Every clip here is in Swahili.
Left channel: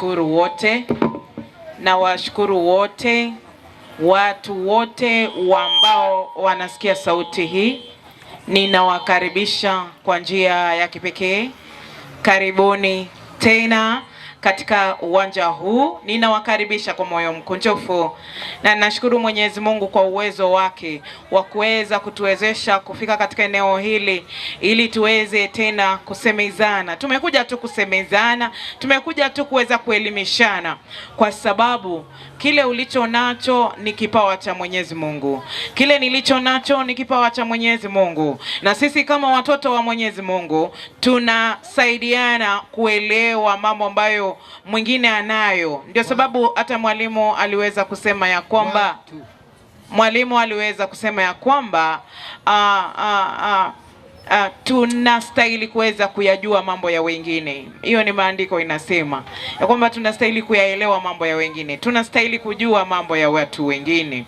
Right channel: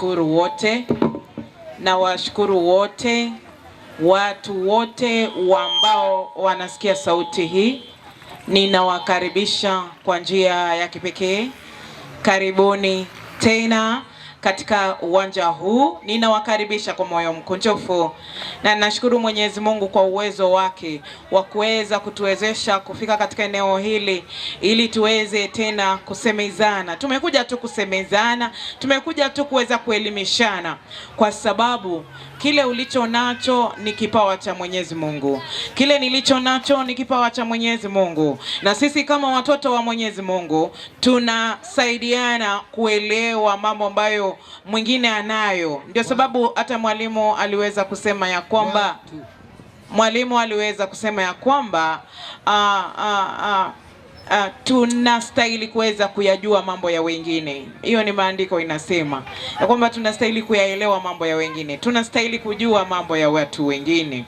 Nawashukuru wote, nawashukuru wote, watu wote ambao wanasikia sauti hii. Ninawakaribisha kwa njia ya kipekee. Karibuni tena katika uwanja huu. Ninawakaribisha kwa moyo mkunjufu, na nashukuru Mwenyezi Mungu kwa uwezo wake wa kuweza kutuwezesha kufika katika eneo hili ili tuweze tena kusemezana. Tumekuja tu kusemezana, tumekuja tu kuweza kuelimishana, kwa sababu kile ulicho nacho ni kipawa cha Mwenyezi Mungu. Kile nilicho nacho ni kipawa cha Mwenyezi Mungu. Na sisi kama watoto wa Mwenyezi Mungu tunasaidiana kuelewa mambo ambayo mwingine anayo. Ndio sababu hata mwalimu aliweza kusema ya kwamba tunastahili kuweza kuyajua mambo ya wengine. Hiyo ni maandiko inasema ya kwamba tunastahili kuyaelewa mambo ya wengine, tunastahili kujua mambo ya watu wengine.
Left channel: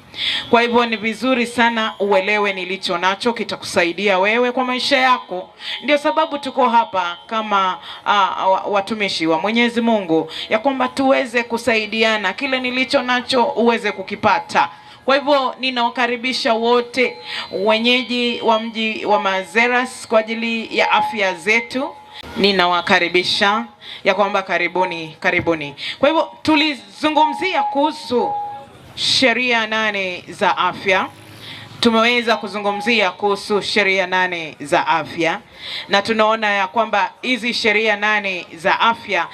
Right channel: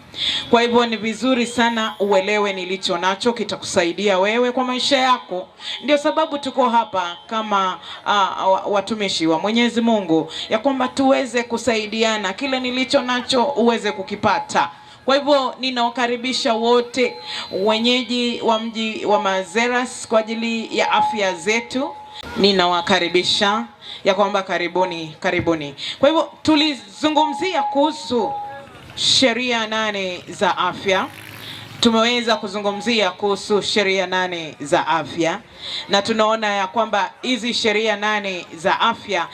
Kwa hivyo ni vizuri sana uelewe nilicho nacho, kitakusaidia wewe kwa maisha yako. Ndio sababu tuko hapa kama watumishi wa Mwenyezi Mungu, ya kwamba tuweze kusaidiana, kile nilicho nacho uweze kukipata. Kwa hivyo ninawakaribisha wote wenyeji wa mji wa Mazeras kwa ajili ya afya zetu. Ninawakaribisha ya kwamba karibuni. Kwa hivyo tulizungumzia kuhusu sheria 8 za afya. Tumeweza kuzungumzia kuhusu sheria 8 za afya, na tunaona ya kwamba hizi sheria 8 za afya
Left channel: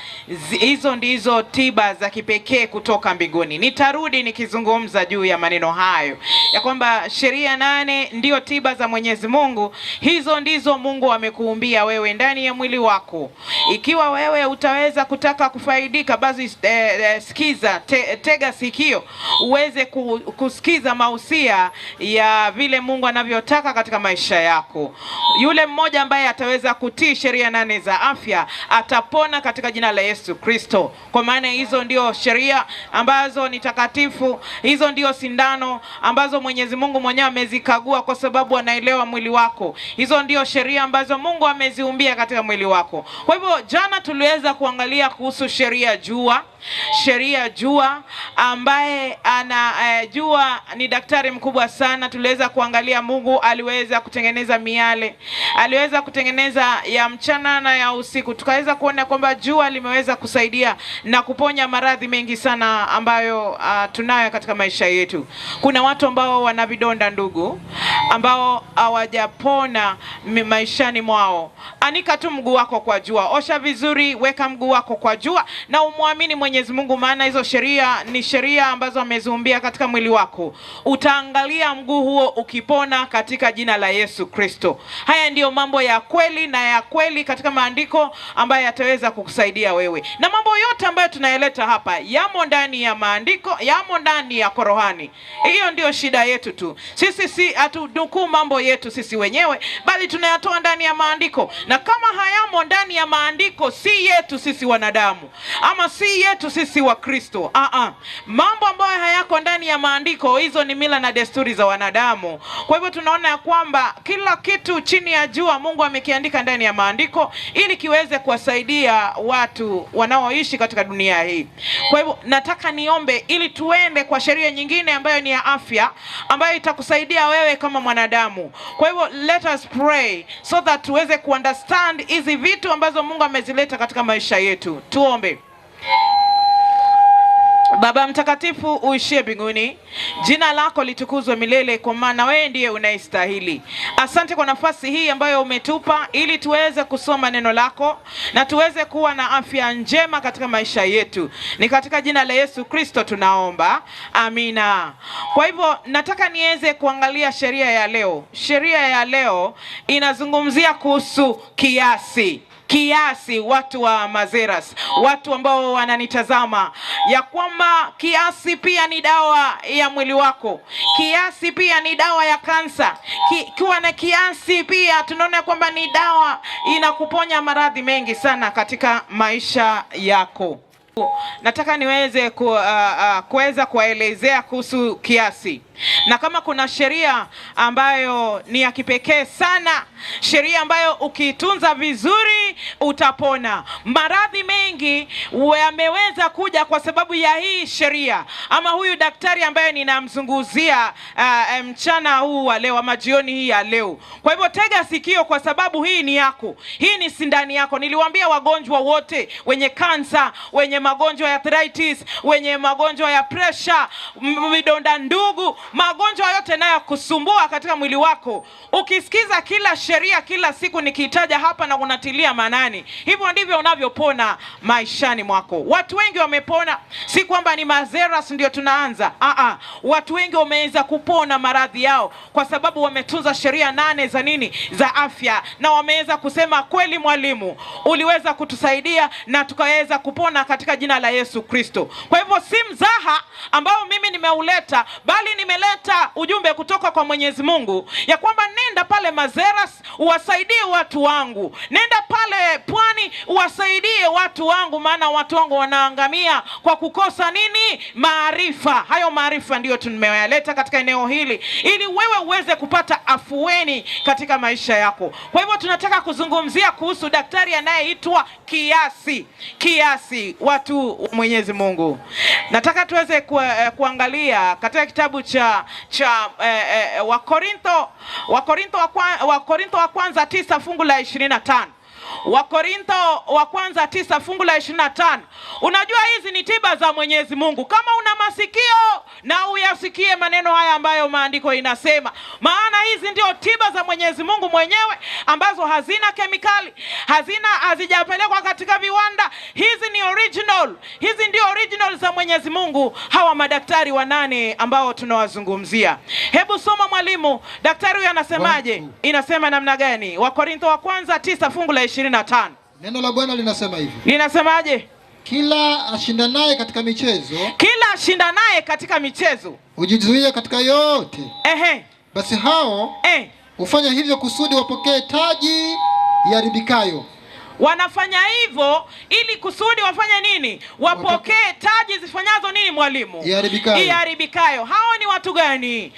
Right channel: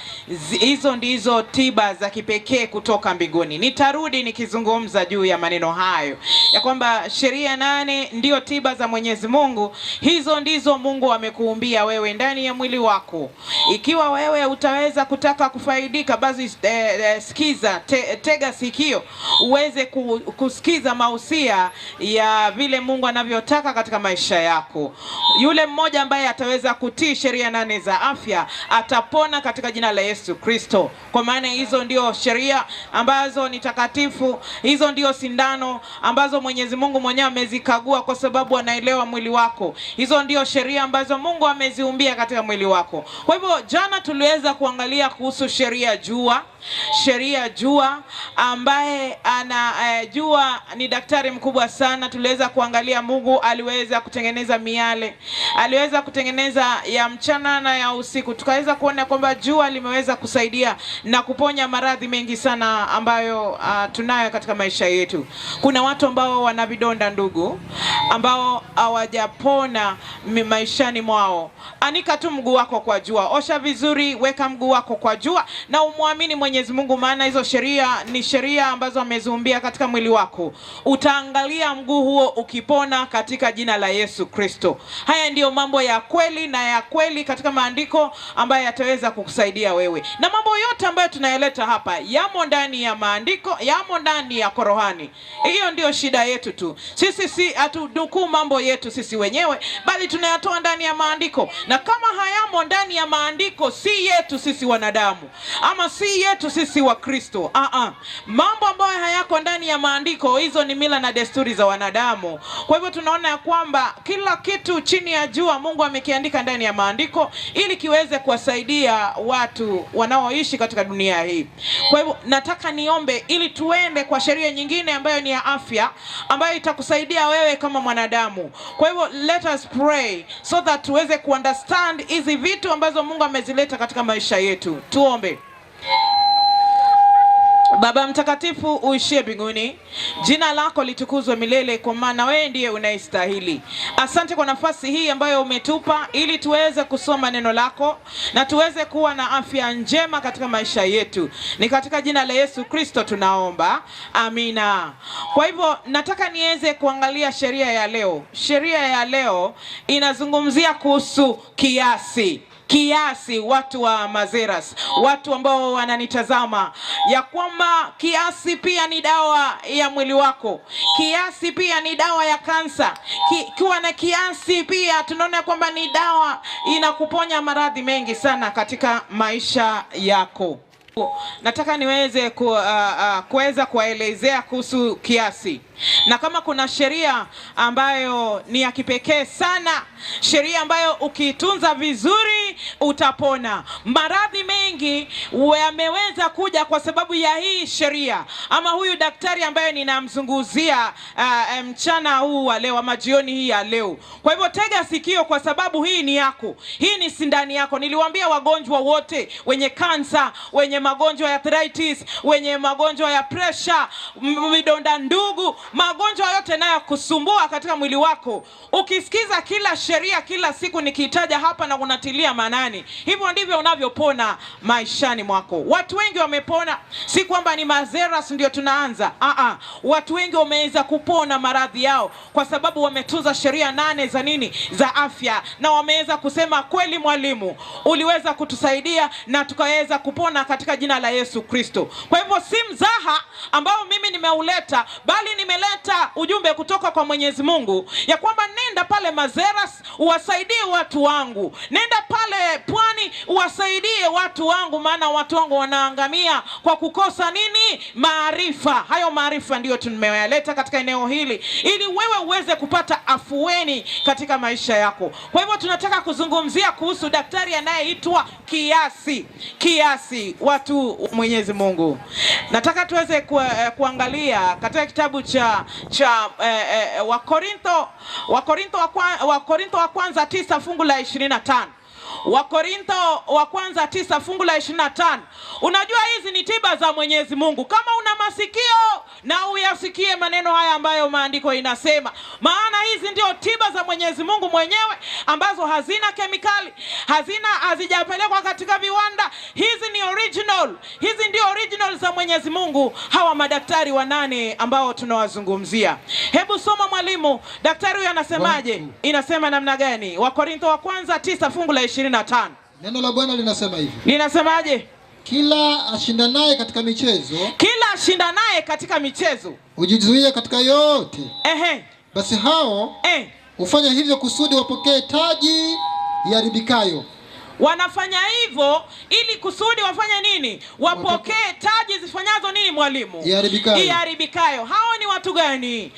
hizo ndizo tiba za kipekee kutoka mbinguni. Nitarudi nikizungumza juu ya maneno hayo ya kwamba sheria 8 ndio tiba za Mwenyezi Mungu. Hizo ndizo Mungu amekuumbia wewe ndani ya mwili wako. Ikiwa wewe utaweza kutaka kufaidika, basi sikiza, tega sikio uweze kusikiza mausia ya vile Mungu anavyotaka katika maisha yako. Yule mmoja ambaye ataweza kutii sheria 8 za afya atapona katika jina la Yesu Kristo. Kwa maana hizo ndio sheria ambazo ni takatifu, hizo ndio sindano ambazo Mwenyezi Mungu mwenyewe amezikagua kwa sababu anaelewa mwili wako. Hizo ndio sheria ambazo Mungu ameziumbia katika mwili wako. Kwa hivyo jana tuliweza kuangalia kuhusu sheria jua ambaye jua ni daktari mkubwa sana. Tuliweza kuangalia Mungu aliweza kutengeneza miale, aliweza kutengeneza ya mchana na ya usiku. Tukaweza kuona kwamba jua limeweza kusaidia na kuponya maradhi mengi sana ambayo tunayo katika maisha yetu. Kuna watu ambao wana vidonda ndugu, ambao hawajapona maishani mwao. Anika tu mguu wako kwa jua, osha vizuri, weka mguu wako kwa jua na umwamini Mwenyezi Mungu, maana hizo sheria ni sheria ambazo ameziumbia katika mwili wako. Utaangalia mguu huo ukipona katika jina la Yesu Kristo. Haya ndiyo mambo ya kweli katika maandiko ambayo yataweza kukusaidia wewe. Na mambo yote ambayo tunayaleta hapa yamo ndani ya maandiko, yamo ndani ya Qur'ani. Hiyo ndio shida yetu tu. Sisi si hatudukuu mambo yetu sisi wenyewe, bali tunayatoa ndani ya maandiko. Na kama hayamo ndani ya maandiko, si yetu sisi wanadamu, ama si yetu sisi wa Kristo. Mambo ambayo hayako ndani ya maandiko, hizo ni mila na desturi za wanadamu. Kwa hivyo tunaona ya kwamba kila kitu chini ya jua Mungu amekiandika ndani ya maandiko ili kiweze kuwasaidia watu wanaoishi katika dunia hii. Kwa hivyo nataka niombe ili tuende kwa sheria nyingine ambayo ni ya afya, ambayo itakusaidia wewe kama mwanadamu. Kwa hivyo let us pray so that tuweze kuunderstand hizi vitu ambazo Mungu amezileta katika maisha yetu. Tuombe. Baba mtakatifu uishie mbinguni, jina lako litukuzwe milele, kwa maana wewe ndiye unayestahili. Asante kwa nafasi hii ambayo umetupa ili tuweze kusoma neno lako na tuweze kuwa na afya njema katika maisha yetu. Ni katika jina la Yesu Kristo tunaomba. Amina. Kwa hivyo nataka niweze kuangalia sheria ya leo. Sheria ya leo inazungumzia kuhusu kiasi. Watu wa Mazeras, watu ambao wananitazama, ya kwamba kiasi pia ni dawa ya mwili wako. Kiasi pia ni dawa ya kansa. Kiwa na kiasi pia tunaona kwamba ni dawa inakuponya maradhi mengi sana katika maisha yako. Nataka niweze kuweza kuelezea kuhusu kiasi. Na kama kuna sheria ambayo ni ya kipekee sana, sheria ambayo ukiitunza vizuri utapona. Maradhi mengi yameweza kuja kwa sababu ya hii sheria, ama huyu daktari ambaye ninamzunguzia mchana huu wa leo ama jioni hii ya leo. Kwa hivyo tega sikio, kwa sababu hii ni yako, hii ni sindani yako. Niliwaambia wagonjwa wote, wenye kansa, wenye magonjwa ya arthritis, wenye magonjwa ya pressure, vidonda ndugu, magonjwa yote nayo kusumbua katika mwili wako, ukisikiza kila sheria kila siku nikiitaja hapa na unatilia manani, hivyo ndivyo unavyopona maishani mwako. Watu wengi wamepona, si kwamba ni mazeras ndio tunaanza. Watu wengi wameweza kupona maradhi yao kwa sababu wametunza sheria 8 za nini, za afya, na wameweza kusema kweli mwalimu, uliweza kutusaidia na tukaweza kupona katika jina la Yesu Kristo. Kwa hivyo si mzaha ambao mimi nimeuleta, bali nimeleta ujumbe kutoka kwa Mwenyezi Mungu ya kwamba nenda pale Mazeras uwasaidie watu wangu, nenda pale Pwani uwasaidie watu wangu, maana watu wangu wanaangamia kwa kukosa nini, maarifa. Hayo maarifa ndio tumeyaleta katika eneo hili ili wewe uweze kupata afueni katika maisha yako. Kwa hivyo tunataka kuzungumzia kuhusu daktari anayeitwa kiasi. Watu Mwenyezi Mungu, nataka tuweze kuangalia katika kitabu cha Wakorintho wa kwanza 9 fungu la 25. Wakorintho wa kwanza 9 fungu la 25. Unajua hizi ni tiba za Mwenyezi Mungu. Kama una masikio na uyasikie maneno haya ambayo maandiko inasema, maana hizi ndio tiba za Mwenyezi Mungu mwenyewe, ambazo hazina kemikali, hazijapelekwa katika viwanda. Hizi ni original, hizi ndio original za Mwenyezi Mungu, hawa madaktari 8 ambao tunawazungumzia. Hebu soma mwalimu, daktari huyu anasemaje? Inasema namna gani? Wakorintho wa kwanza 9 fungu la 25. Neno la Bwana linasema hivi. Linasemaje? Kila ashindanaye katika michezo ujizuie katika yote. Basi hao hufanya hivyo kusudi wapokee taji iharibikayo. Wanafanya hivyo ili kusudi wafanye nini? Wapokee taji zifanyazo nini mwalimu? Iharibikayo. Hao ni watu gani?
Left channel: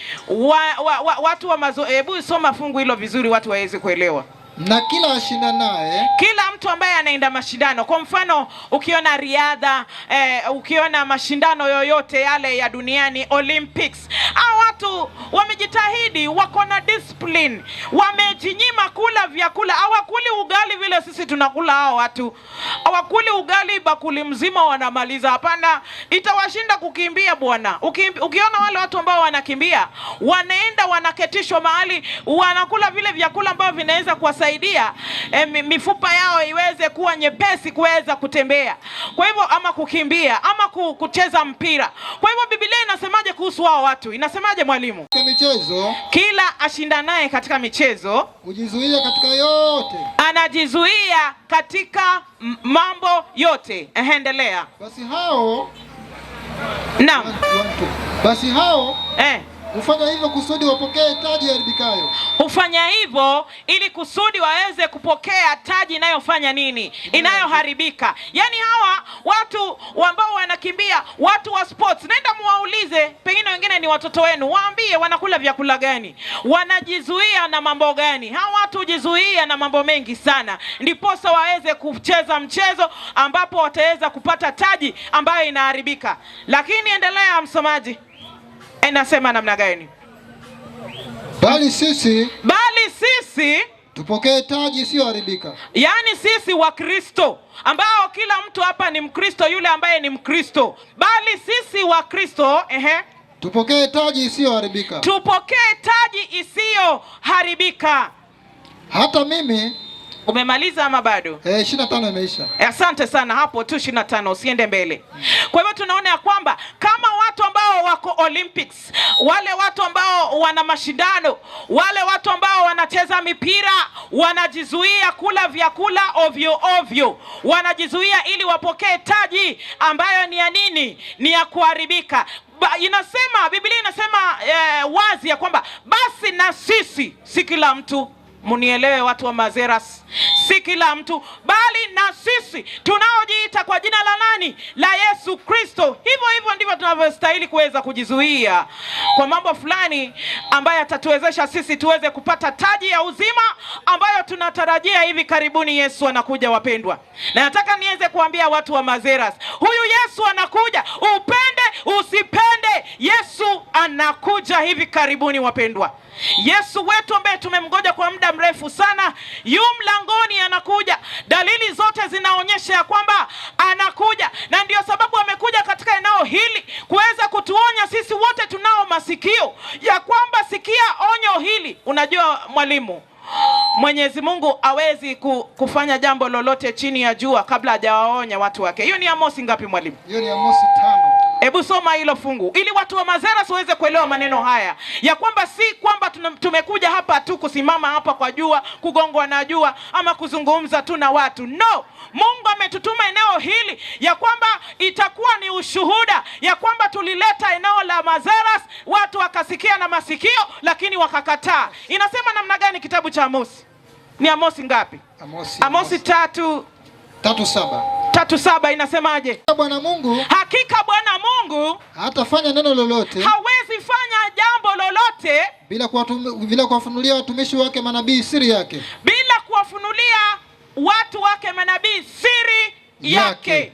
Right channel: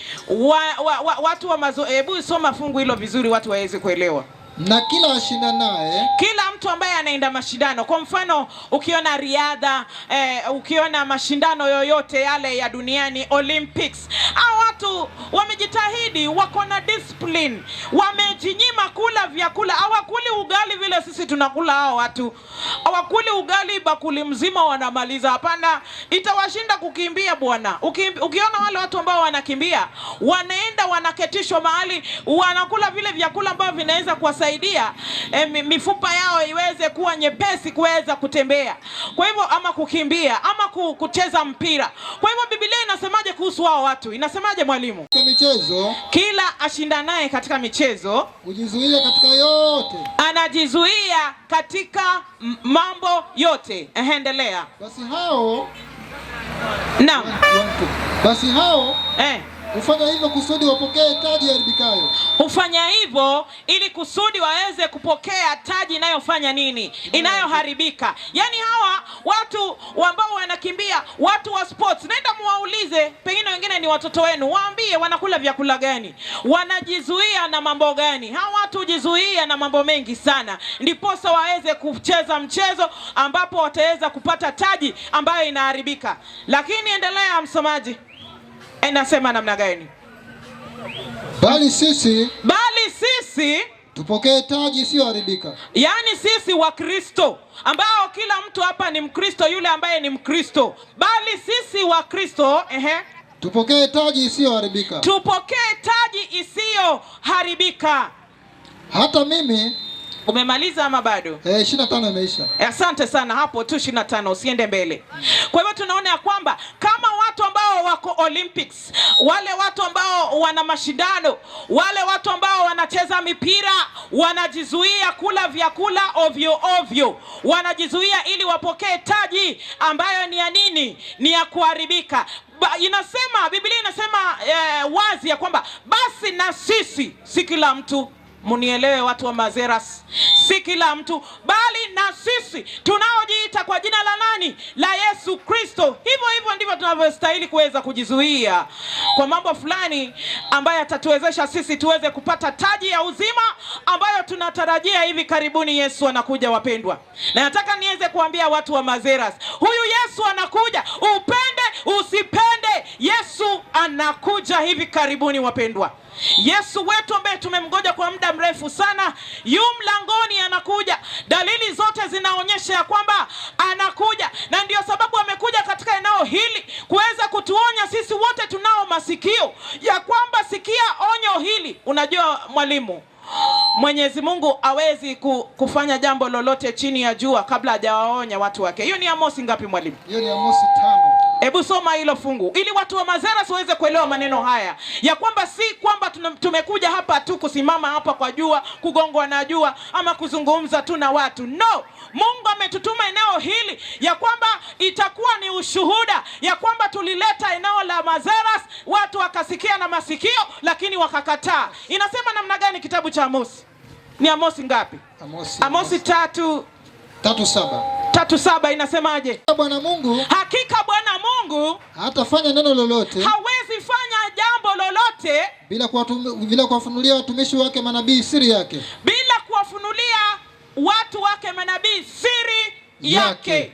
Watu wa hebu soma fungu hilo vizuri watu waweze kuelewa. Na kila ashindanaye, kila mtu ambaye anaenda mashindano. Kwa mfano ukiona riadha, ukiona mashindano yoyote yale ya duniani, Olympics, hao watu wamejitahidi, wako na discipline, wamejinyima kula vyakula. Hawakuli ugali vile sisi tunakula. Hao watu hawakuli ugali bakuli mzima wanamaliza. Hapana, itawashinda kukimbia bwana. Ukiona wale watu ambao wanakimbia, wanaenda wanaketishwa mahali, wanakula vile vyakula ambavyo vinaweza kuwasaidia mifupa yao iweze kuwa nyepesi kuweza kutembea. Kwa hivyo ama kukimbia ama kucheza mpira. Kwa hivyo Biblia inasemaje kuhusu hao watu? Inasemaje mwalimu? Katika michezo, kila ashindanaye katika michezo ujizuia katika yote. Anajizuia katika mambo yote. Endelea. Basi hao hufanya hivyo kusudi wapokee taji iharibikayo. Hufanya hivyo ili kusudi waweze kupokea taji inayofanya nini? Inayoharibika. Yaani hawa watu ambao wanakimbia, watu wa sports, nenda muwaulize, pengine wengine ni watoto wenu, waambie wanakula vyakula gani, wanajizuia na mambo gani. Hawa watu hujizuia na mambo mengi sana, ndiposa waweze kucheza mchezo ambapo wataweza kupata taji ambayo inaharibika. Lakini endelea msomaji. Inasema namna gani? Bali sisi tupokee taji isiyoharibika. Yaani sisi wa Kristo, ambao kila mtu hapa ni Mkristo, yule ambaye ni Mkristo, bali sisi wa Kristo tupokee taji isiyoharibika. Tupokee taji isiyoharibika. Hata mimi. Umemaliza ama bado? 25 imeisha. Asante sana, hapo tu 25, usiende mbele. Kwa hivyo tunaona ya kwamba kama watu ambao wako Olympics, wale watu ambao wana mashindano, wale watu ambao wanacheza mipira, wanajizuia kula vyakula ovyo, wanajizuia ili wapokee taji ambayo ni ya nini? Ni ya kuharibika. Biblia inasema wazi ya kwamba basi na sisi, si kila mtu, munielewe watu wa Mazeras, si kila mtu bali na sisi tunaojiita kwa jina la nani? La Yesu Kristo. Hivyo ndivyo tunavyostahili kuweza kujizuia kwa mambo fulani ambayo yatatuwezesha sisi tuweze kupata taji ya uzima ambayo tunatarajia hivi karibuni. Yesu anakuja wapendwa, na nataka niweze kuambia watu wa Mazeras, huyu Yesu anakuja, upende usipende, Yesu anakuja hivi karibuni wapendwa. Yesu wetu ambaye tumemgoja kwa muda mrefu sana yu mlangoni, anakuja. Dalili zote zinaonyesha ya kwamba anakuja, na ndio sababu amekuja katika eneo hili kuweza kutuonya sisi wote tunao masikio ya kwamba sikia onyo hili. Unajua mwalimu, Mwenyezi Mungu hawezi kufanya jambo lolote chini ya jua kabla hajawaonya watu wake. Hiyo ni Amosi ngapi mwalimu? Hiyo ni Amosi 5. Hebu soma hilo fungu ili watu wa Mazeras waweze kuelewa maneno haya ya kwamba si kwamba tumekuja hapa tu kusimama hapa kwa jua, kugongwa na jua ama kuzungumza tu na watu. No, Mungu ametutuma eneo hili ya kwamba itakuwa ni ushuhuda ya kwamba tulileta eneo la Mazeras, watu wakasikia na masikio lakini wakakataa. Inasema namna gani kitabu cha Amosi? Ni Amosi ngapi? Amosi 3:7 inasemaje? Bwana Mungu, hakika Bwana Mungu hatafanya neno lolote, hawezi fanya jambo lolote bila kuwafunulia watumishi wake manabii siri yake, bila kuwafunulia watu wake manabii siri yake.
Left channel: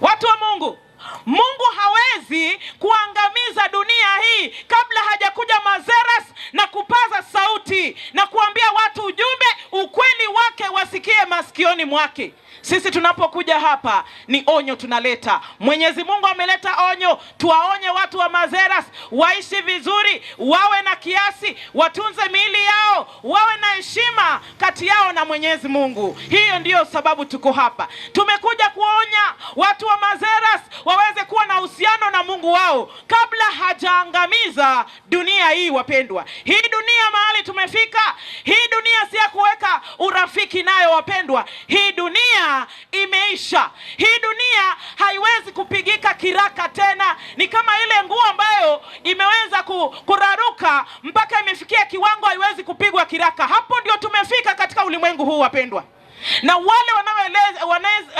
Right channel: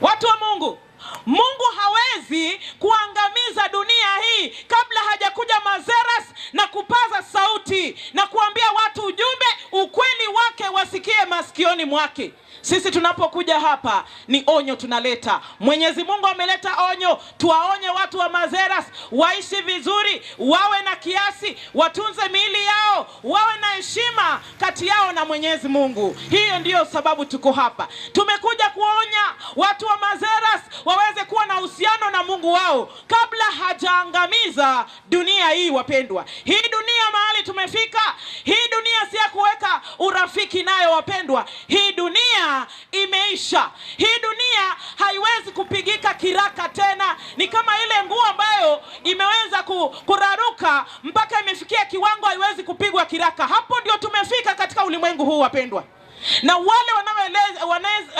Watu wa Mungu, Mungu hawezi kuangamiza dunia hii kabla hajakuja Mazeras na kupaza sauti na kuambia watu ujumbe, ukweli wake wasikie masikioni mwake. Sisi tunapokuja hapa ni onyo tunaleta. Mwenyezi Mungu ameleta onyo, tuwaonye watu wa Mazeras waishi vizuri, wawe na kiasi, watunze miili yao, wawe na heshima kati yao na Mwenyezi Mungu. Hiyo ndiyo sababu tuko hapa. Tumekuja kuonya watu wa Mazeras waweze kuwa na uhusiano na Mungu wao kabla hajaangamiza dunia hii wapendwa. Hii dunia mahali tumefika, hii dunia si ya kuweka urafiki nayo wapendwa. Hii dunia imeisha. Hii dunia haiwezi kupigika kiraka tena. Ni kama ile nguo ambayo imeweza kuraruka mpaka imefikia kiwango haiwezi kupigwa kiraka. Hapo ndio tumefika katika ulimwengu huu wapendwa. Na wale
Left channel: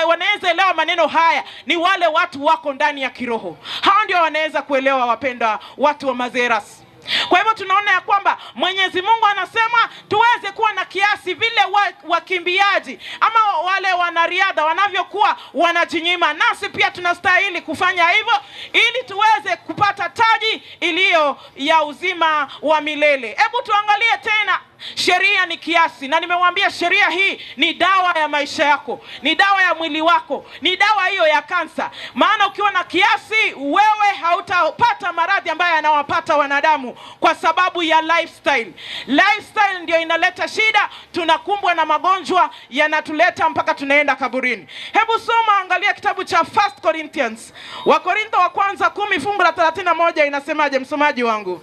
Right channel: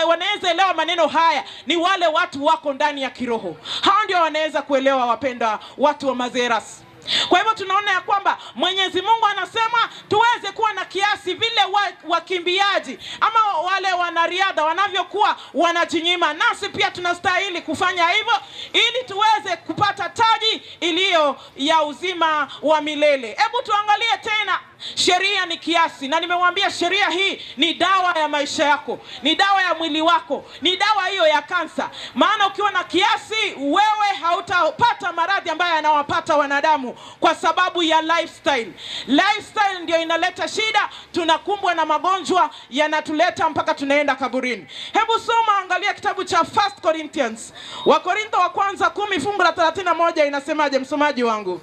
wanaweza elewa maneno haya ni wale watu wako ndani ya kiroho. Hao ndio wanaweza kuelewa wapendwa, watu wa Mazeras. Kwa hivyo tunaona ya kwamba Mwenyezi Mungu anasema tuweze kuwa na kiasi vile wakimbiaji ama wale wanariadha wanavyokuwa wanajinyima, nasi pia tunastahili kufanya hivyo ili tuweze kupata taji iliyo ya uzima wa milele. Hebu tuangalie tena. Sheria ni kiasi, na nimewambia sheria hii ni dawa ya maisha yako, ni dawa ya mwili wako, ni dawa hiyo ya kansa. Maana ukiwa na kiasi wewe hautapata maradhi ambayo yanawapata wanadamu kwa sababu ya lifestyle. Lifestyle ndio inaleta shida, tunakumbwa na magonjwa yanatuleta mpaka tunaenda kaburini. Hebu soma, angalia kitabu cha 1 Corinthians. Wakorintho wa kwanza 10 fungu la 31 inasemaje msomaji wangu?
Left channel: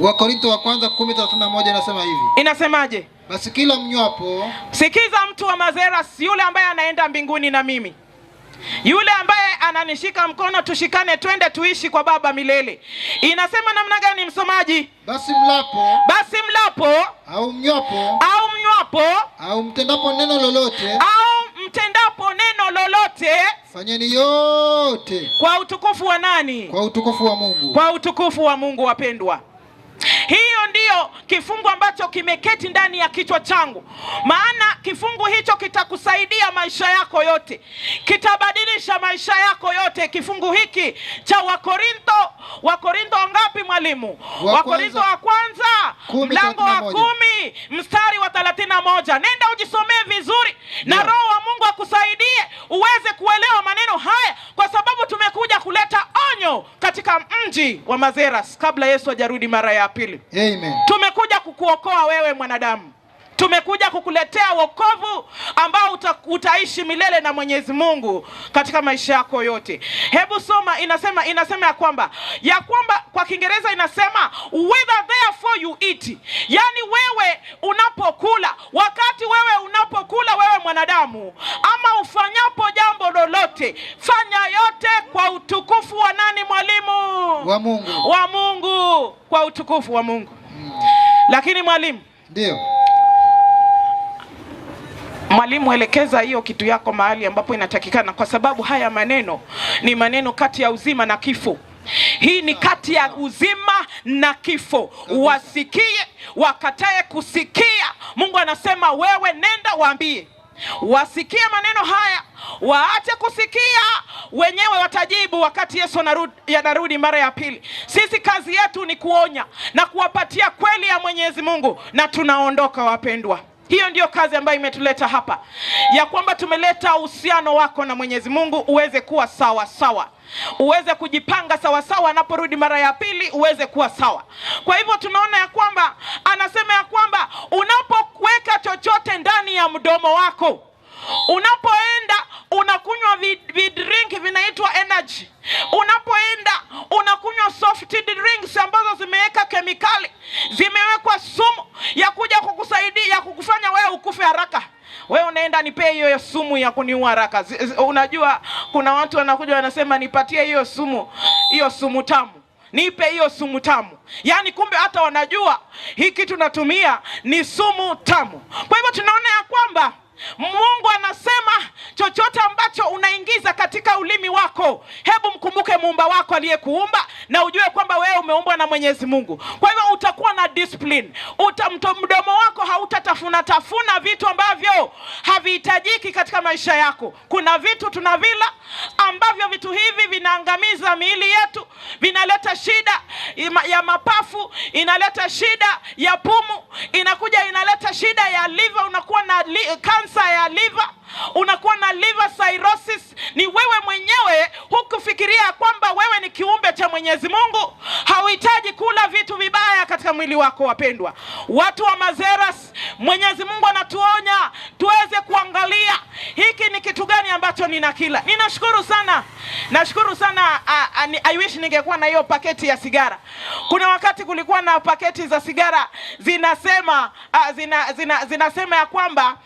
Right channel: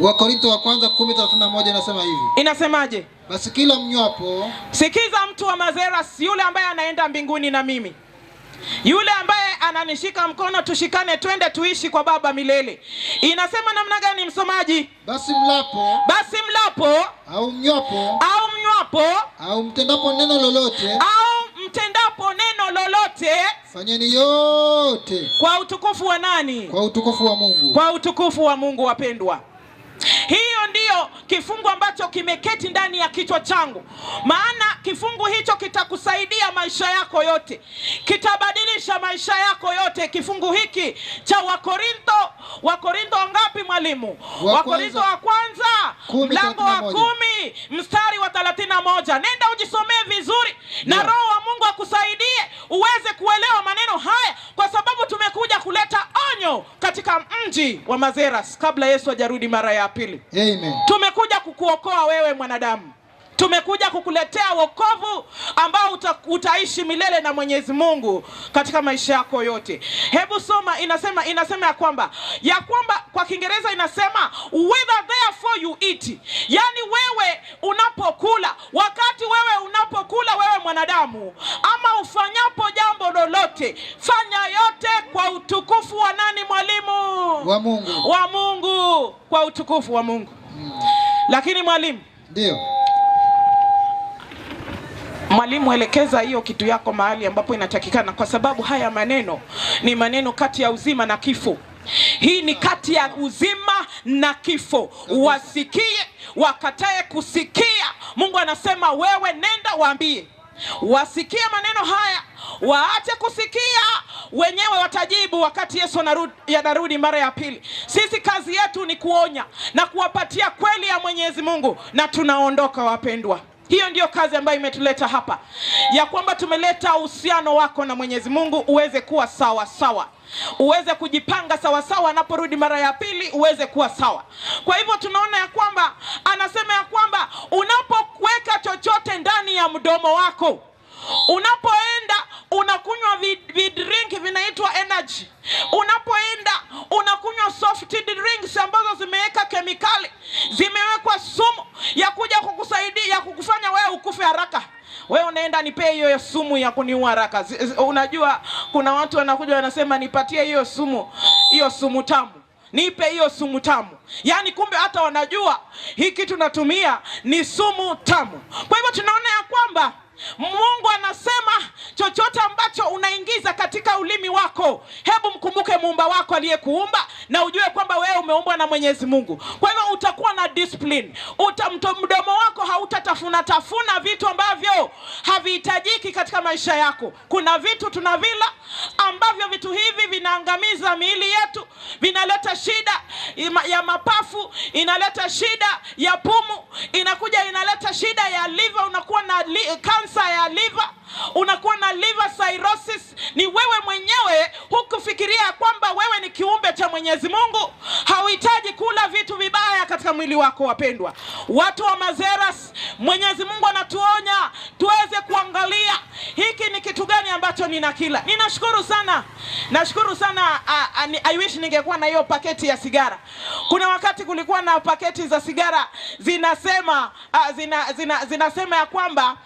Wakorintho wa kwanza 10:31 inasema hivi. Inasemaje? Basi kila mnywapo. Sikiza mtu wa Mazeras, yule ambaye anaenda mbinguni na mimi, yule ambaye ananishika mkono tushikane twende tuishi kwa Baba milele. Inasema namna gani msomaji? Basi mlapo au mnywapo au mtendapo neno lolote fanyeni yote kwa utukufu wa nani? Kwa utukufu wa Mungu. Kwa utukufu wa Mungu wapendwa. Hiyo ndiyo kifungu ambacho kimeketi ndani ya kichwa changu. Maana kifungu hicho kitakusaidia maisha yako yote, kitabadilisha maisha yako yote. Kifungu hiki cha Wakorintho ngapi mwalimu? Wakorintho wa kwanza mlango wa 10 mstari wa 31. Nenda ujisomee vizuri na Roho wa Mungu akusaidie uweze kuelewa maneno haya, kwa sababu tumekuja kuleta onyo katika mji wa Mazeras kabla Yesu hajarudi mara ya pili. Amen. Tumekuja kukuokoa wewe mwanadamu. Tumekuja kukuletea wokovu ambao utaishi milele na Mwenyezi Mungu katika maisha yako yote. Hebu soma, inasema ya kwamba kwa Kiingereza inasema whether therefore you eat. Yani wewe unapokula, wakati wewe unapokula wewe mwanadamu, ama ufanyapo jambo lolote, fanya yote kwa utukufu wa nani mwalimu? Wa Mungu. Wa Mungu, kwa utukufu wa Mungu. Lakini mwalimu, ndio Mwalimu, elekeza hiyo kitu yako mahali ambapo inatakikana, kwa sababu haya maneno ni maneno kati ya uzima na kifo. Hii ni kati ya uzima na kifo. Wasikie, wakatae kusikia. Mungu anasema wewe nenda waambie. Wasikie maneno haya, waache kusikia, wenyewe watajibu wakati Yesu anarudi mara ya pili. Sisi kazi yetu ni kuonya na kuwapatia kweli ya Mwenyezi Mungu, na tunaondoka wapendwa. Hiyo ndiyo kazi ambayo imetuleta hapa, ya kwamba tumeleta uhusiano wako na Mwenyezi Mungu uweze kuwa sawa sawa, uweze kujipanga sawa sawa, anaporudi mara ya pili uweze kuwa sawa. Kwa hivyo tunaona ya kwamba anasema ya kwamba unapoweka chochote ndani ya mdomo wako, unapoenda unakunywa vidrink vinaitwa energy, unapoenda unakunywa soft drinks ambazo zimeweka kemikali, zimewekwa sumu ya kuja kukusaidia, ya kukufanya wewe ukufe haraka. Wewe unaenda nipe hiyo sumu ya kuniua haraka. Unajua kuna watu wanakuja wanasema nipatie hiyo sumu tamu. Nipe hiyo sumu tamu. Yaani kumbe hata wanajua hii kitu natumia ni sumu tamu. Kwa hivyo tunaona ya kwamba Mungu anasema chochote ambacho unaingiza katika ulimi wako, hebu mkumbuke muumba wako aliyekuumba, na ujue kwamba wewe umeumbwa na Mwenyezi Mungu. Kwa hivyo utakuwa na discipline. Mdomo wako hautatafuna vitu ambavyo havihitajiki katika maisha yako. Kuna vitu tunavila ambavyo vitu hivi vinaangamiza miili yetu, vinaleta shida ya mapafu, inaleta shida ya pumu, inaleta shida ya liver, unakuwa na kansa ya liver, unakuwa na liver cirrhosis. Ni wewe mwenyewe hukufikiria kwamba wewe ni kiumbe cha Mwenyezi Mungu. Hauhitaji kula vitu vibaya katika mwili wako wapendwa. Watu wa Mazeras, Mwenyezi Mungu anatuonya tuweze kuangalia hiki ni kitu gani ambacho ninakila. Nashukuru sana I wish ningekuwa na hiyo paketi ya sigara. Kuna wakati kulikuwa na paketi za sigara zinasema zinasema ya kwamba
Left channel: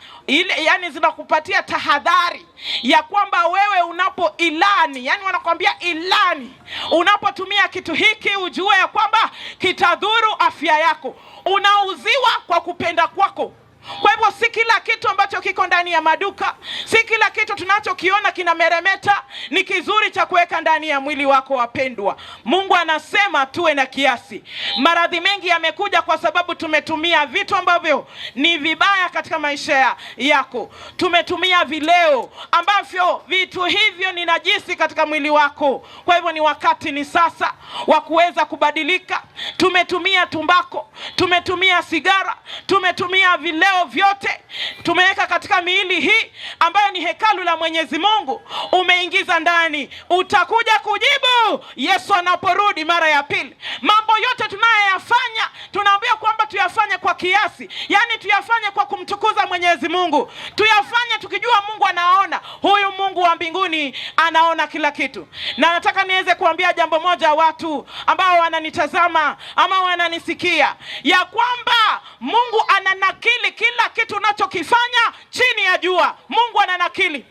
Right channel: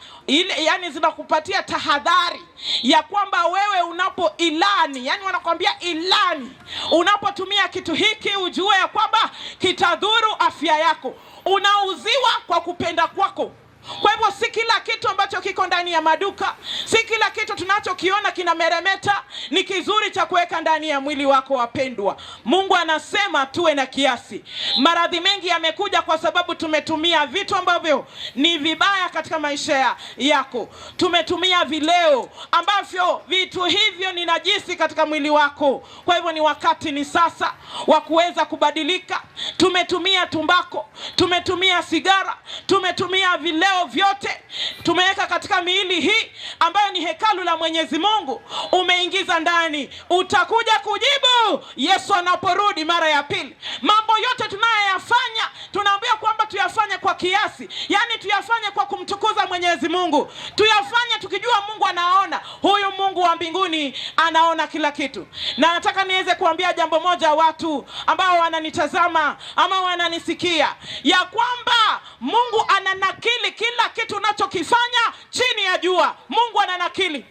yani zinakupatia tahadhari ya kwamba wewe unapoilani, yani wanakuambia ilani, unapotumia kitu hiki ujue ya kwamba kitadhuru afya yako. Unauziwa kwa kupenda kwako. Kwa hivyo si kila kitu ambacho kiko ndani ya maduka, si kila kitu tunachokiona kina meremeta ni kizuri cha kuweka ndani ya mwili wako wapendwa. Mungu anasema tuwe na kiasi. Maradhi mengi yamekuja kwa sababu tumetumia vitu ambavyo ni vibaya katika maisha yako. Tumetumia vileo ambavyo vitu hivyo ni najisi katika mwili wako. Kwa hivyo ni wakati, ni sasa wa kuweza kubadilika. Tumetumia tumbako, tumetumia sigara, tumetumia vileo vyote, tumeweka katika miili hii ambayo ni hekalu la Mwenyezi Mungu, umeingiza ndani. Utakuja kujibu Yesu anaporudi mara ya pili. Mambo yote tunayoyafanya tunaambia kwamba tuyafanye kwa kiasi, yani tuyafanye kwa kumtukuza Mwenyezi Mungu, tuyafanye tukijua Mungu anaona. Huyu Mungu wa mbinguni anaona kila kitu. Na nataka niweze kuambia jambo moja watu ambao wananitazama ama wananisikia, ya kwamba Mungu ananakili kila kitu unachokifanya chini ya jua. Mungu ananakili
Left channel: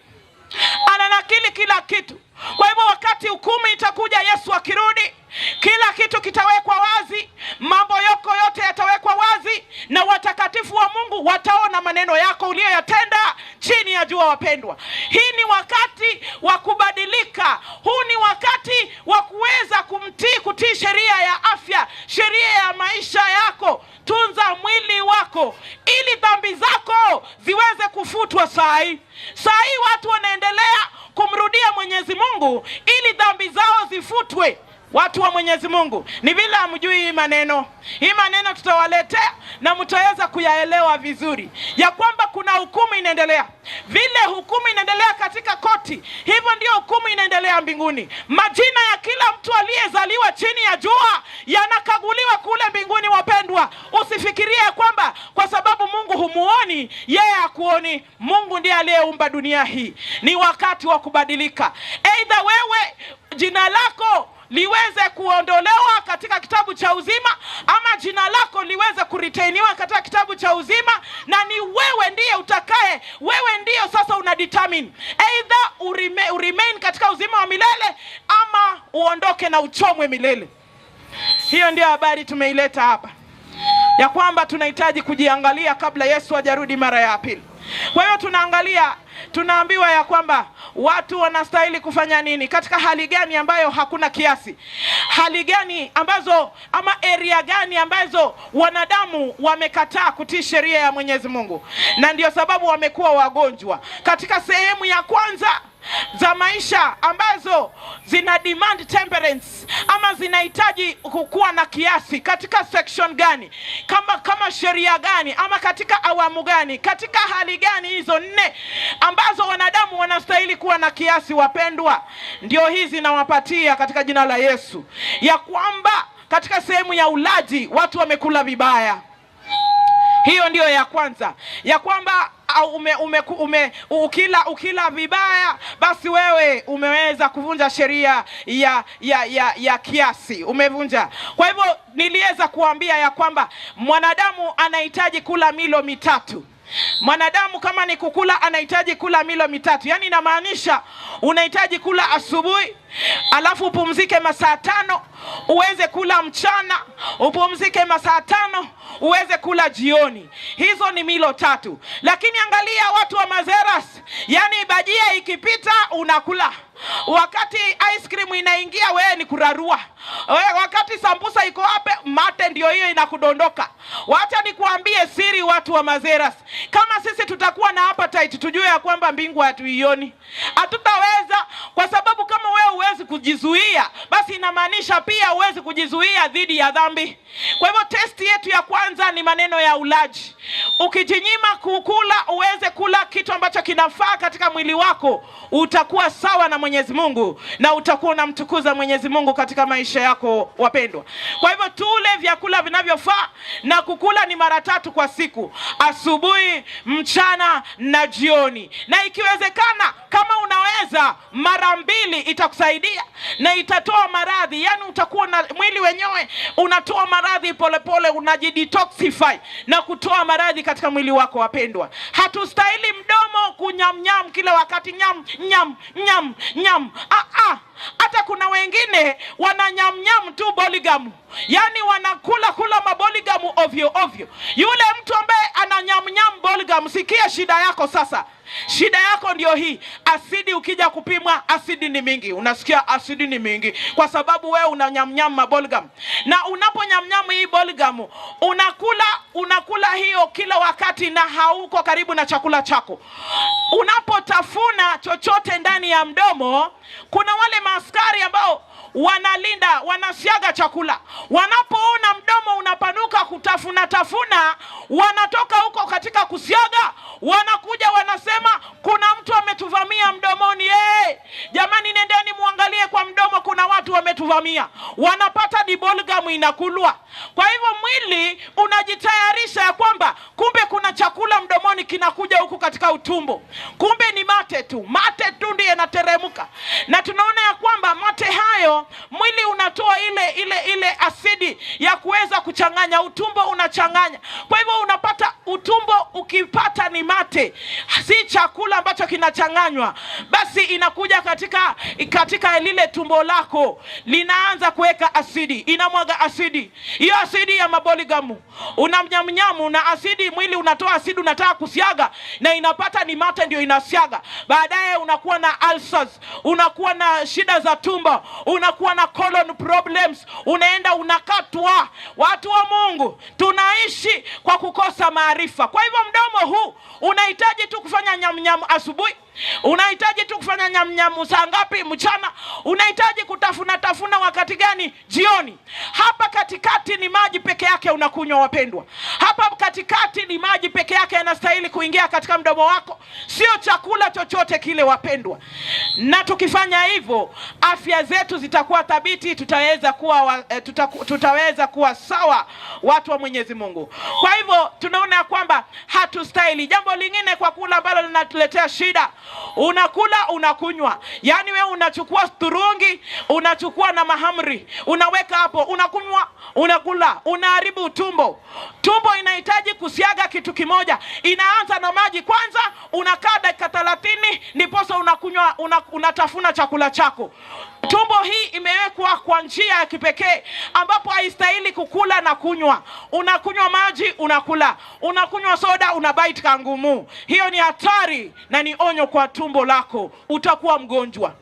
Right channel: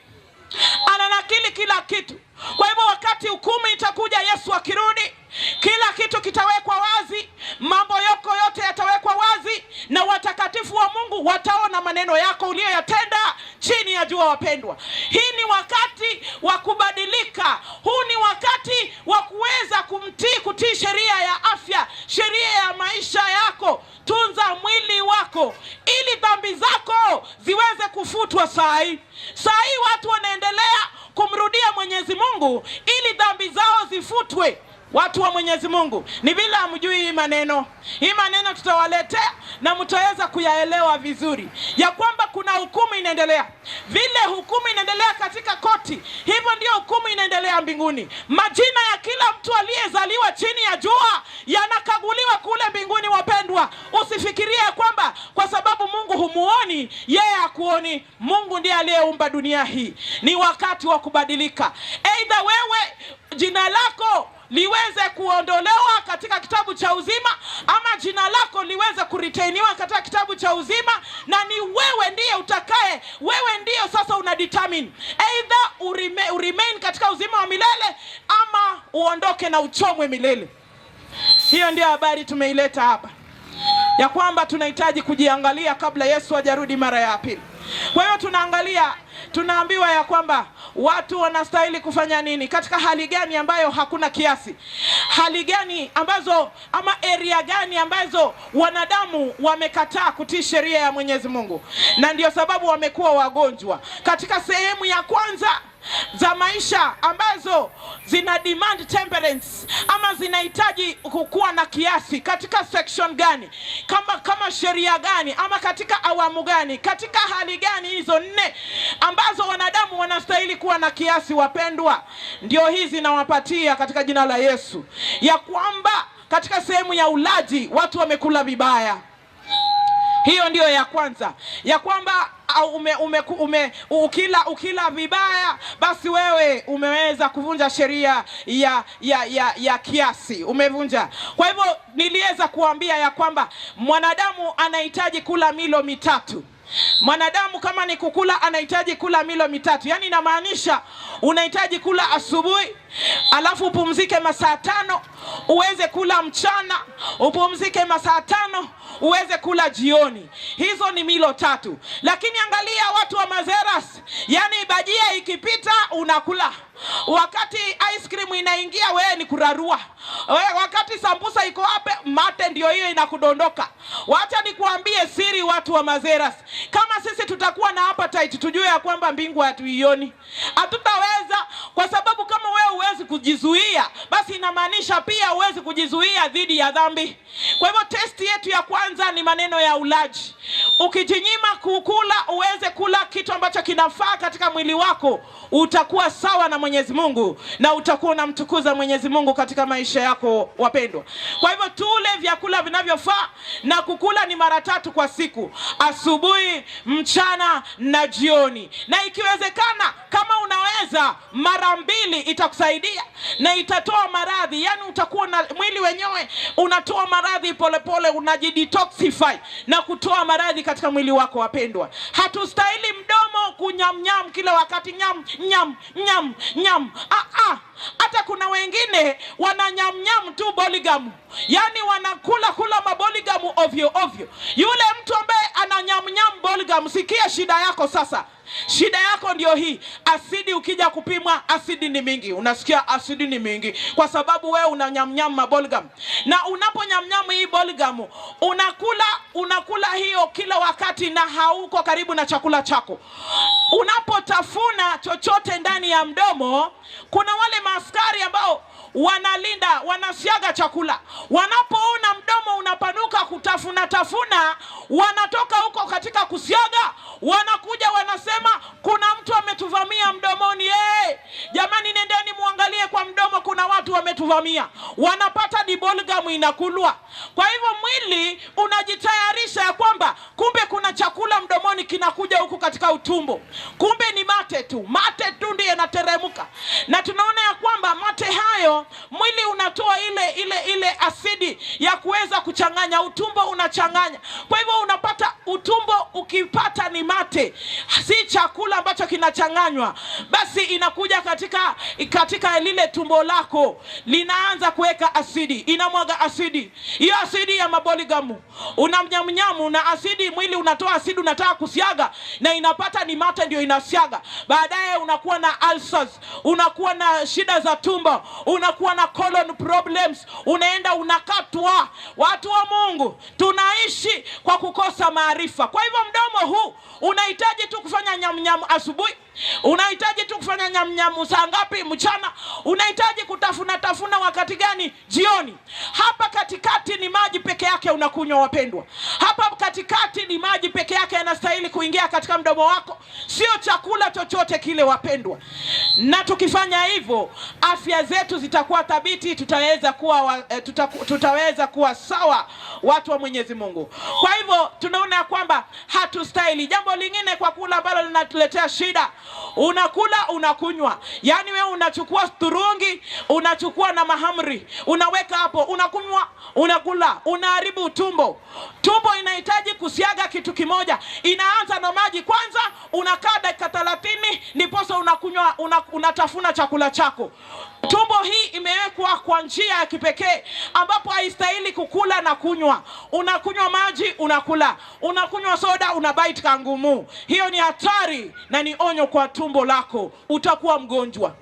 kila kitu. Kwa hivyo wakati hukumu itakuja, Yesu akirudi, kila kitu kitawekwa wazi, mambo yako yote yatawekwa wazi, na watakatifu wa Mungu wataona maneno yako uliyoyatenda chini ya jua wapendwa. Hii ni wakati wa kubadilika. Huu ni wakati wa kuweza kutii sheria ya afya, sheria ya maisha yako. Tunza mwili wako ili dhambi zako ziweze kufutwa. Saa hii watu wanaendelea kumrudia Mwenyezi Mungu ili dhambi zao zifutwe. Watu wa Mwenyezi Mungu, ni vile hamjui hii maneno. Hii maneno tutawaletea na mtaweza kuyaelewa vizuri, ya kwamba kuna hukumu inaendelea. Vile hukumu inaendelea katika koti, hivyo ndio hukumu inaendelea mbinguni. Majina ya kila mtu aliyezaliwa chini ya jua yanakaguliwa kule mbinguni wapendwa. Usifikirie kwamba kwa sababu Mungu humuoni, yeye hakuoni. Mungu ndiye aliyeumba dunia hii. Ni wakati wa kubadilika. Aidha wewe jina lako liweze kuondolewa katika kitabu cha uzima, ama jina lako liweze kuretainiwa katika kitabu cha uzima, na ni wewe ndiye utakaye, wewe ndiyo sasa unadetermine either uremain katika uzima wa milele ama uondoke na uchomwe milele. Hiyo ndio habari tumeileta hapa, ya kwamba tunahitaji kujiangalia kabla Yesu hajarudi mara ya pili. Kwa hiyo tunaambiwa ya kwamba watu wanastahili kufanya nini katika hali gani ambayo hakuna kiasi, hali gani ambazo ama area gani ambazo wanadamu wamekataa kutii sheria ya Mwenyezi Mungu, na ndio sababu wamekuwa wagonjwa. Katika sehemu ya kwanza za maisha ambazo zina demand temperance ama zinahitaji kuwa na kiasi, katika section gani, kama sheria gani, ama katika awamu gani, katika hali gani hizo 4 ambazo wanadamu wanastahili kuwa na kiasi, wapendwa, ndio hizi nawapatia katika jina la Yesu. Ya kwamba katika sehemu ya ulaji watu wamekula vibaya. Hiyo ndio ya kwanza, ya kwamba ukila vibaya basi wewe umeweza kuvunja sheria ya kiasi, umevunja. Kwa hivyo niliweza kuambia ya kwamba mwanadamu anahitaji kula milo mitatu. Mwanadamu kama ni kukula anahitaji kula milo mitatu. Yani inamaanisha unahitaji kula asubuhi, alafu upumzike masaa 5, uweze kula mchana, upumzike masaa 5, uweze kula jioni. Hizo ni milo 3. Lakini angalia watu wa Mazeras, yani bajia ikipita unakula, wakati ice cream inaingia wewe ni kurarua, wakati sambusa iko hapo mate ndio hiyo inakudondoka. Wacha nikuambie siri, watu wa Mazeras, kama sisi tutakuwa na appetite, tujue ya kwamba mbingu hatuioni. Hatutaweza, kwa sababu kama wewe huwezi kujizuia, basi inamaanisha pia huwezi kujizuia dhidi ya dhambi. Kwa hivyo testi yetu ya kwanza ni maneno ya ulaji. Ukijinyima kukula uweze kula kitu ambacho kinafaa katika mwili wako, utakuwa sawa na Mwenyezi Mungu na utakuwa unamtukuza Mwenyezi Mungu katika maisha yako, wapendwa. Kwa hivyo tule vyakula vinavyofaa, na kukula ni mara 3 kwa siku, asubuhi, mchana na jioni. Na ikiwezekana kama unaweza mara 2 itakusaidia na itatoa maradhi. Yani utakuwa na mwili wenyewe unatoa maradhi polepole, unajidetoxify na kutoa maradhi katika mwili wako, wapendwa. Hatustahili mdomo kunyamnyam kila wakati, nyam. Hata kuna wengine wananyamnyam tu boligamu, yani wanakula maboligamu ovyo. Yule mtu ambaye ananyamnyam boligamu, sikia shida yako sasa. Shida yako ndio hii, asidi. Ukija kupimwa asidi ni mingi, unasikia asidi ni mingi kwa sababu wewe unanyamnyam mabolgam. Na unaponyamnyam hii bolgam, unakula hiyo kila wakati na hauko karibu na chakula chako. Unapotafuna chochote ndani ya mdomo, kuna wale maaskari ambao wanalinda, wanasiaga chakula. Wanapoona mdomo unapanuka kutafuna, wanatoka huko katika kusiaga, wanakuja wanasema kuna mtu ametuvamia mdomoni. Jamani, nendeni muangalie kwa mdomo, kuna watu wametuvamia. Wanapata dibolgamu inakulwa. Kwa hivyo mwili unajitayarisha ya kwamba kumbe kuna chakula mdomoni kinakuja huku katika utumbo. Kumbe ni mate tu ndiye yanateremka. Na tunaona ya kwamba mate hayo, mwili unatoa ile asidi ya kuweza kuchanganya, utumbo unachanganya. Kwa hivyo unapata utumbo ukipata ni mate, si chakula ambacho kinachanganywa, basi inakuja katika lile tumbo lako, linaanza kuweka asidi, inamwaga asidi. Hiyo asidi ya maboligamu unamnyamnyamu na asidi, mwili unatoa asidi, unataka kusiaga na inapata ni mate ndio inasiaga. Baadaye unakuwa na ulcers, unakuwa na shida za tumbo, unakuwa na colon problems, unaenda unakatwa. Watu wa Mungu, tunaishi kwa kukosa maarifa. Kwa hivyo mdomo huu unahitaji tu kufanya nyamnyamu asubuhi, unahitaji tu kufanya nyamnyamu saa ngapi? Mchana. Unahitaji kutafuna wakati gani? Jioni. Hapa katikati ni maji peke yake unakunywa, wapendwa. Hapa katikati ni maji peke yake yanastahili kuingia katika mdomo wako, sio chakula chochote kile, wapendwa. Na tukifanya hivyo, afya zetu zitakuwa thabiti, tutaweza kuwa sawa, watu wa Mwenyezi Mungu. Kwa hivyo tunaona kwamba hatustahili. Jambo lingine kwa kula ambalo linatuletea shida, unakula unakunywa. Yani wewe unachukua turungi, unachukua na mahamri, unaweka hapo, unakunywa, unakula, unaharibu tumbo. Tumbo inahitaji kusiaga kitu kimoja. Inaanza na maji kwanza, unakaa dakika 30 ndiposa unakunywa, unatafuna chakula chako. Tumbo hii imewekwa kwa njia ya kipekee ambapo haistahili kukula na kunywa. Unakunywa maji, unakula. Unakunywa soda, unabite kangumu. Hiyo ni hatari na ni onyo kwa tumbo lako. Utakuwa mgonjwa.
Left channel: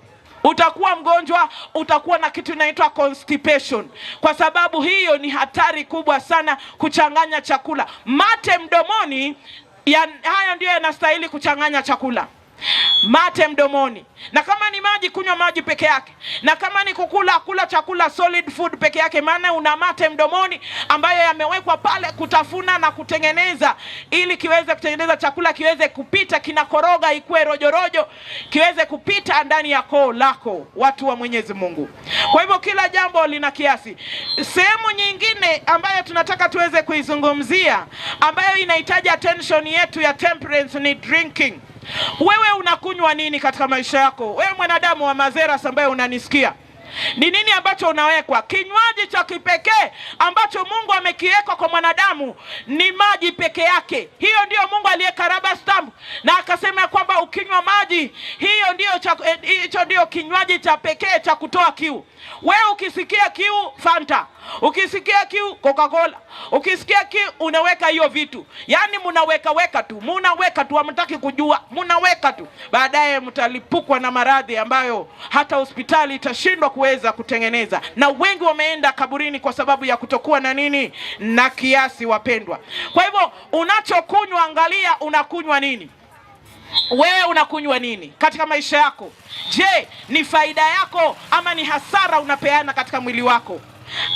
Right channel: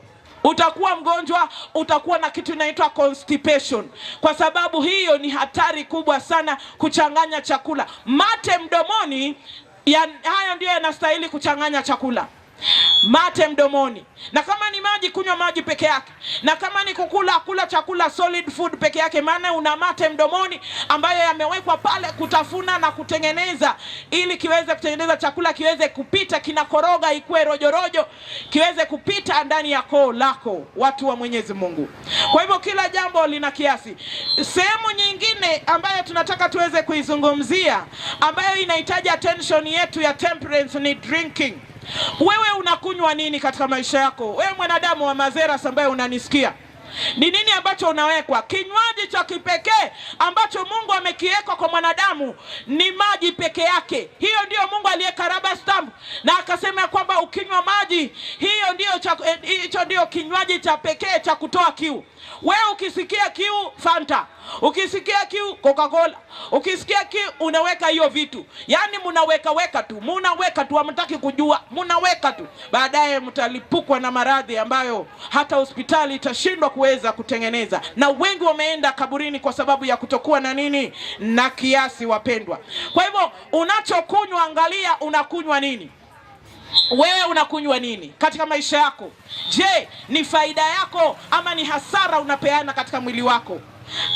Utakuwa mgonjwa, utakuwa na kitu inaitwa constipation. Kwa sababu hiyo ni hatari kubwa sana kuchanganya chakula. Mate mdomoni, hayo ndio yanastahili kuchanganya chakula. Mate mdomoni. Na kama ni maji, kunywa maji peke yake. Na kama ni kukula, kula chakula solid food peke yake, maana una mate mdomoni ambayo yamewekwa pale kutafuna na kutengeneza ili kiweze kutengeneza chakula kiweze kupita, kinakoroga ikuwe rojorojo, kiweze kupita ndani ya koo lako, watu wa Mwenyezi Mungu. Kwa hivyo kila jambo lina kiasi. Sehemu nyingine ambayo tunataka tuweze kuizungumzia ambayo inahitaji attention yetu ya temperance ni drinking. Wewe unakunywa nini katika maisha yako? Wewe mwanadamu wa Mazeras ambaye unanisikia, ni nini ambacho unawekwa? Kinywaji cha kipekee ambacho Mungu amekiweka kwa mwanadamu ni maji peke yake. Hiyo ndio Mungu aliyeka rubber stamp na akasema kwamba ukinywa maji, hicho ndio kinywaji cha pekee cha kutoa kiu. Wewe ukisikia kiu, Fanta. Ukisikia kiu, Coca-Cola. Ukisikia kiu, unaweka hiyo vitu. Yaani mnaweka tu, hamtaki kujua, mnaweka tu. Baadaye mtalipukwa na maradhi ambayo hata hospitali itashindwa kuweza kutengeneza. Na wengi wameenda kaburini kwa sababu ya kutokuwa na nini? Na kiasi, wapendwa. Kwa hivyo unachokunywa, angalia unakunywa nini. Wewe unakunywa nini katika maisha yako? Je, ni faida yako ama ni hasara unapeana katika mwili wako?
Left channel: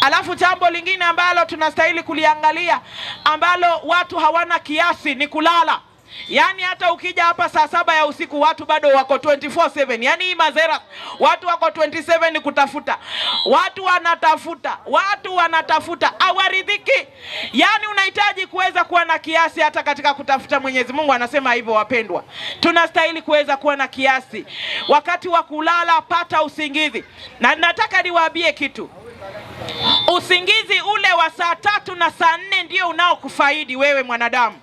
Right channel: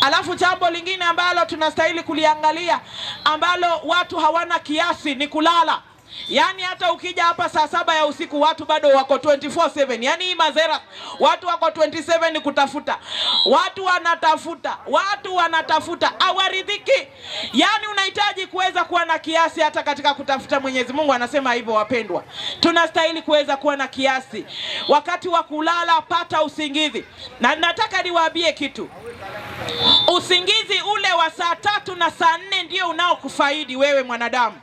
Alafu jambo lingine ambalo tunastahili kuliangalia ambalo watu hawana kiasi ni kulala. Yaani hata ukija hapa saa 7 ya usiku watu bado wako 24/7. Yaani hii Mazeras watu wako 27 kutafuta. Watu wanatafuta hawaridhiki. Yaani unahitaji kuweza kuwa na kiasi hata katika kutafuta. Mwenyezi Mungu anasema hivyo, wapendwa. Tunastahili kuweza kuwa na kiasi. Wakati wa kulala pata usingizi. Na nataka niwaambie kitu. Usingizi ule wa saa 3 na saa 4 ndio unaokufaidi wewe mwanadamu.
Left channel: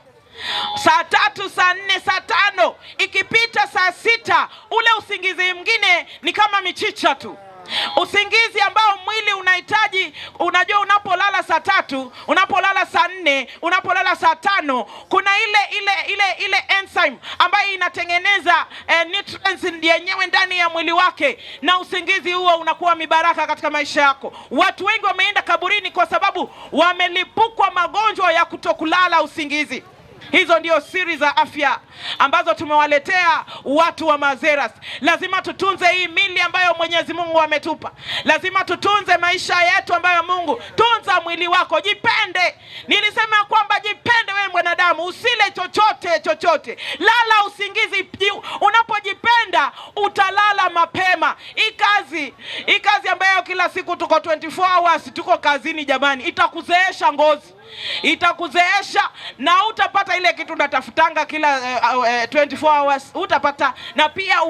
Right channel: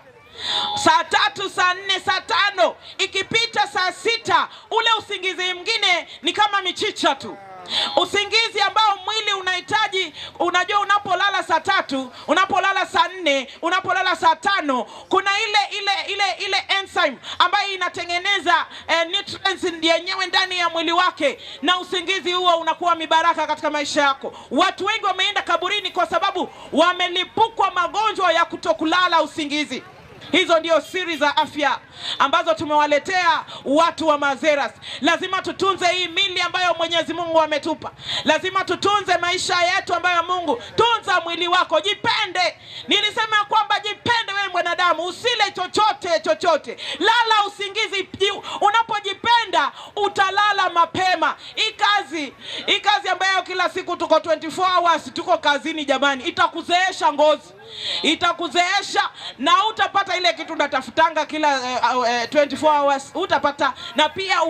Saa 3, saa 4, saa 5, ikipita saa 6, ule usingizi mwingine ni kama michicha tu. Usingizi ambao mwili unahitaji, unajua unapolala saa 3, unapolala saa 4, unapolala saa 5, kuna ile enzyme ambayo inatengeneza nutrients yenyewe ndani ya mwili wake, na usingizi huo unakuwa mibaraka katika maisha yako. Watu wengi wameenda kaburini kwa sababu wamelipukwa magonjwa ya kutokulala usingizi. Hizo ndio siri za afya ambazo tumewaletea watu wa Mazeras. Lazima tutunze hii mili ambayo Mwenyezi Mungu ametupa. Lazima tutunze maisha yetu ambayo Mungu. Tunza mwili wako, jipende. Nilisema kwamba jipende wewe mwanadamu, usile chochote. Lala usingizi. Unapojipenda utalala mapema. Hii kazi ambayo kila siku tuko 24 hours tuko kazini jamani, itakuzeesha ngozi. Itakuzeesha na utapata ile kitu unatafutanga kila 24 hours utapata, na pia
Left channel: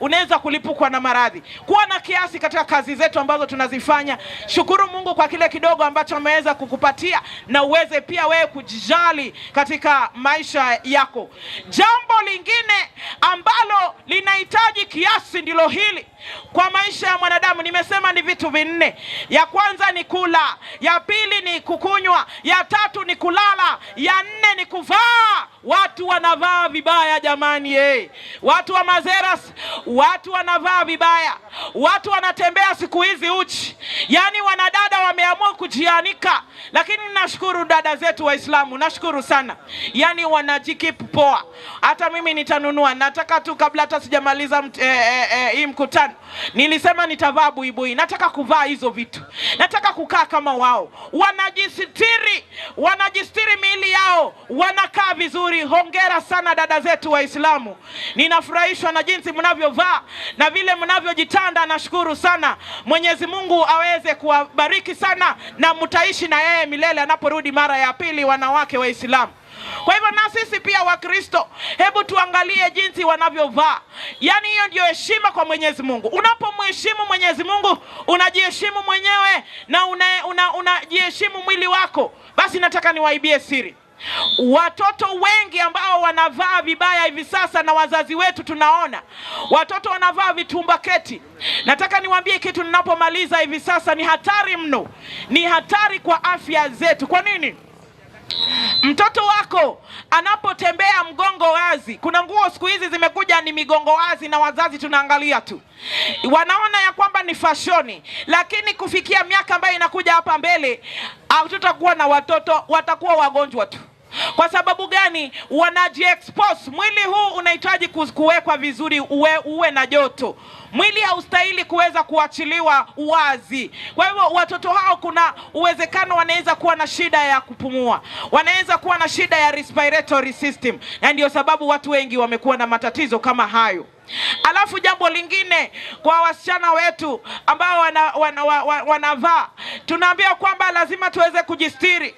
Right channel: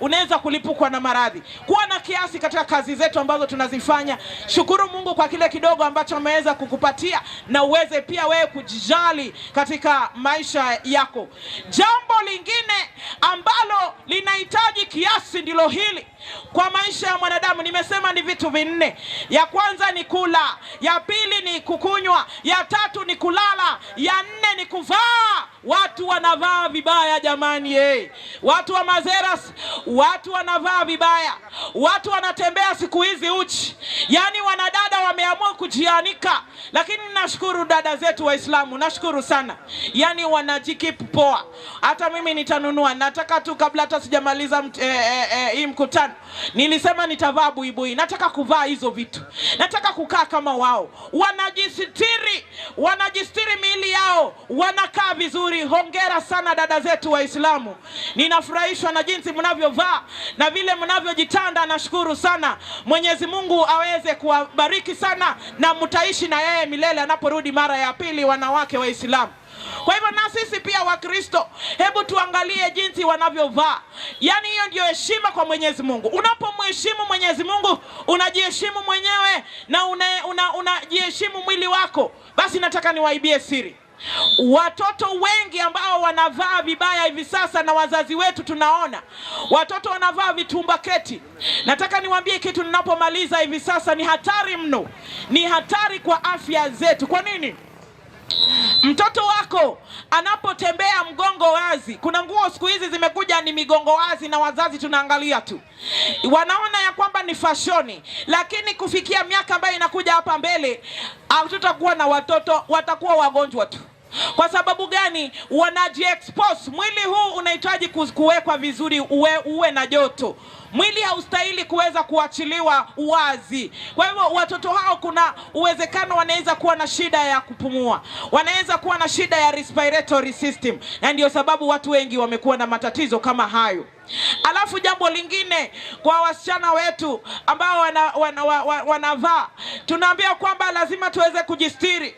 unaweza kulipukwa na maradhi. Kuwa na kiasi katika kazi zetu ambazo tunazifanya. Shukuru Mungu kwa kile kidogo ambacho ameweza kukupatia, na uweze pia wewe kujijali katika maisha yako. Jambo lingine ambalo linahitaji kiasi ndilo hili kwa maisha ya mwanadamu. Nimesema ni vitu vinne. Ya kwanza ni kula, ya pili ni kukunywa, ya 3 ni kulala, ya 4 ni kuvaa. Watu wanavaa vibaya jamani. Watu wa Mazeras, watu wanavaa vibaya. Watu wanatembea siku hizi uchi. Yaani wanadada wameamua kujianika. Lakini nashukuru dada zetu Waislamu, nashukuru sana. Yaani wanajikeep poa. Hata mimi nitanunua. Nataka tu kabla hata sijamaliza hii mkutano, nilisema nitavaa buibui. Nataka kuvaa hizo vitu. Nataka kukaa kama wao. Wanajistiri miili yao. Wanakaa vizuri. Hongera sana dada zetu Waislamu. Ninafurahishwa na jinsi mnavyovaa na vile mnavyojitanda. Nashukuru sana. Mwenyezi Mungu aweze kuwabariki sana, na mtaishi na yeye milele anaporudi mara ya pili, wanawake Waislamu. Kwa hivyo na sisi pia Wakristo, hebu tuangalie jinsi wanavyovaa. Yaani hiyo ndio heshima kwa Mwenyezi Mungu. Unapomheshimu Mwenyezi Mungu, unajiheshimu mwenyewe na unajiheshimu mwili wako. Basi nataka niwaibie siri. Watoto wengi ambao wanavaa vibaya hivi sasa, na wazazi wetu tunaona watoto wanavaa vitumbaketi. Nataka niwaambie kitu ninapomaliza hivi sasa, ni hatari mno, ni hatari kwa afya zetu. Kwa nini? Mtoto wako anapotembea mgongo wazi, kuna nguo siku hizi zimekuja ni migongo wazi, na wazazi tunaangalia tu, wanaona ya kwamba ni fashoni, lakini kufikia miaka ambayo inakuja hapa mbele, hatutakuwa na watoto, watakuwa wagonjwa tu. Kwa sababu gani? Wanajiexpose. Mwili huu unahitaji kuwekwa vizuri, uwe na joto. Mwili haustahili kuweza kuachiliwa wazi. Kwa hivyo watoto hao kuna uwezekano wanaweza kuwa na shida ya kupumua, wanaweza kuwa na shida ya respiratory system, na ndio sababu watu wengi wamekuwa na matatizo kama hayo. Alafu jambo lingine kwa wasichana wetu ambao wanavaa, tunaambia kwamba lazima tuweze kujistiri.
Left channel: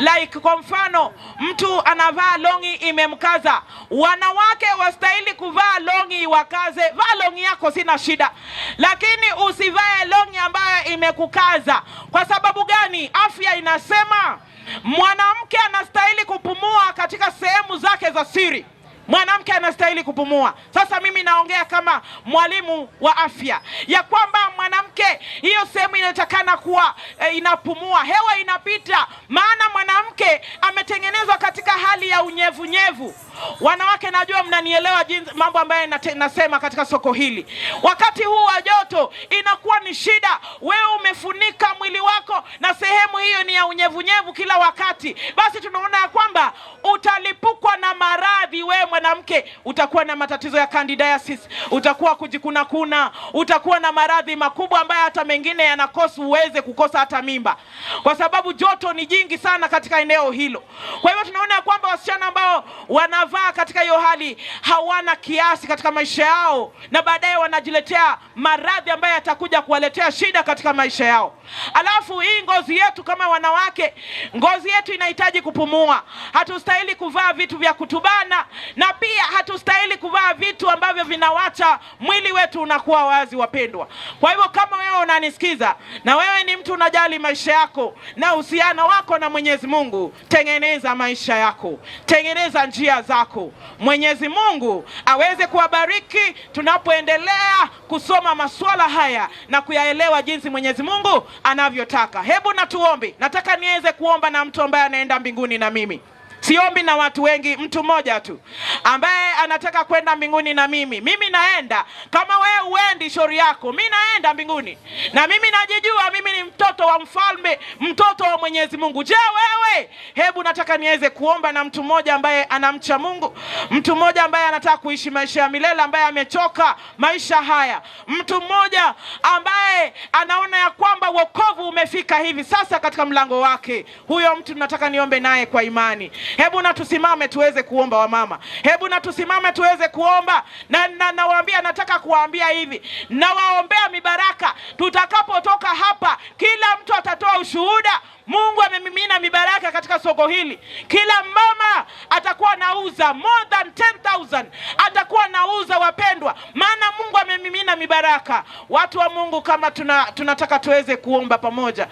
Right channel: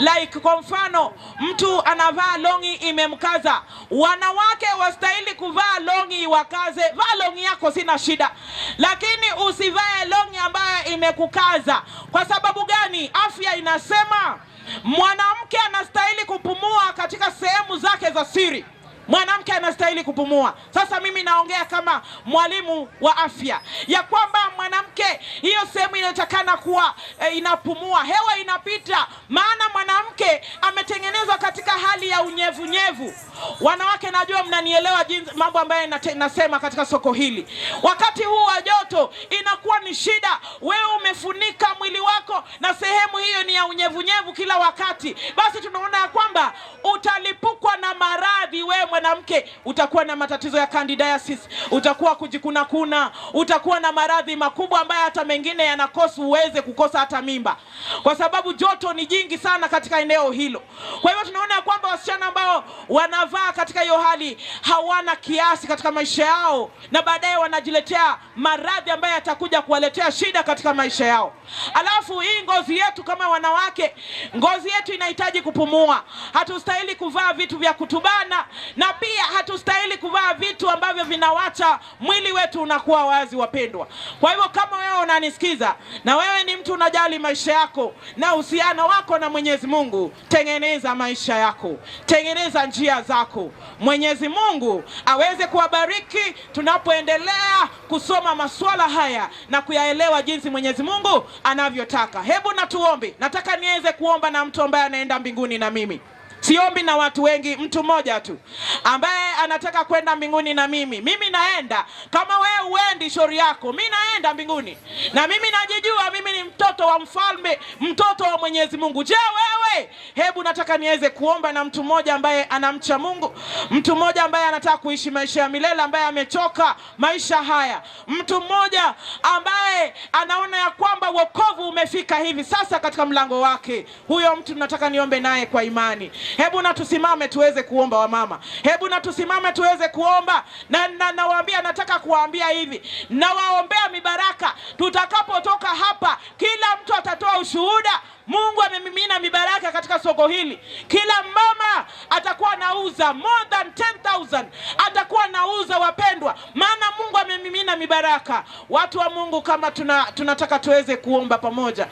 Like kwa mfano, mtu anavaa longi imemkaza, wanawake wastahili kuvaa longi wakaze. Vaa longi yako, sina shida, lakini usivae longi ambayo imekukaza. Kwa sababu gani? Afya inasema mwanamke anastahili kupumua katika sehemu zake za siri. Mwanamke anastahili kupumua. Sasa mimi naongea kama mwalimu wa afya, ya kwamba mwanamke, hiyo sehemu inatakana kuwa inapumua, hewa inapita, maana mwanamke ametengenezwa katika hali ya unyevunyevu. Wanawake, najua mnanielewa jinsi mambo ambayo nasema katika soko hili. Wakati huu wa joto inakuwa ni shida, wewe umefunika mwili wako na sehemu hiyo ni ya unyevunyevu kila wakati, basi tunaona ya kwamba utalipukwa na maradhi. Wewe mwanamke utakuwa na matatizo ya candidiasis, utakuwa kujikuna, utakuwa na maradhi makubwa ambayo hata mengine yanakosa uweze kukosa hata mimba, kwa sababu joto ni jingi sana katika eneo hilo. Kwa hivyo tunaona kwamba wasichana ambao wanavaa katika hiyo hali hawana kiasi katika maisha yao, na baadaye wanajiletea maradhi ambayo yatakuja kuwaletea shida katika maisha yao. Alafu hii ngozi yetu kama wanawake, ngozi yetu inahitaji kupumua. Hatustahili kuvaa vitu vya kutubana, na pia hatustahili kuvaa vitu ambavyo vinawacha mwili wetu unakuwa wazi, wapendwa. Kwa hivyo kama wewe unanisikiza na wewe ni mtu unajali maisha yako na uhusiano wako na Mwenyezi Mungu, tengeneza maisha yako, tengeneza njia zako. Mwenyezi Mungu aweze kuwabariki tunapoendelea kusoma masuala haya na kuyaelewa jinsi Mwenyezi Mungu anavyotaka. Hebu na tuombe. Nataka niweze kuomba na mtu ambaye anaenda mbinguni na mimi. Siombi na watu wengi, mtu mmoja tu ambaye anataka kwenda mbinguni na mimi. Mimi naenda, kama wewe uendi shauri yako, mimi naenda mbinguni. Na mimi najijua mimi ni mtoto wa mfalme, mtoto wa Mwenyezi Mungu. Je, wewe? Hebu nataka niweze kuomba na mtu mmoja ambaye anamcha Mungu, mtu mmoja ambaye anataka kuishi maisha ya milele, ambaye amechoka maisha haya, mtu mmoja ambaye anaona ya kwamba wokovu umefika hivi sasa katika mlango wake. Huyo mtu nataka niombe naye kwa imani. Hebu na tusimame tuweze kuomba wamama. Hebu na tusimame tuweze kuomba. Na nawaambia, nataka kuwaambia hivi, na waombea mibaraka. Tutakapotoka hapa, kila mtu atatoa ushuhuda. Mungu amemimina mibaraka katika soko hili. Kila mama atakuwa nauza more than 10,000. Atakuwa nauza, wapendwa, maana Mungu amemimina mibaraka. Watu wa Mungu, kama tunataka tuweze kuomba pamoja.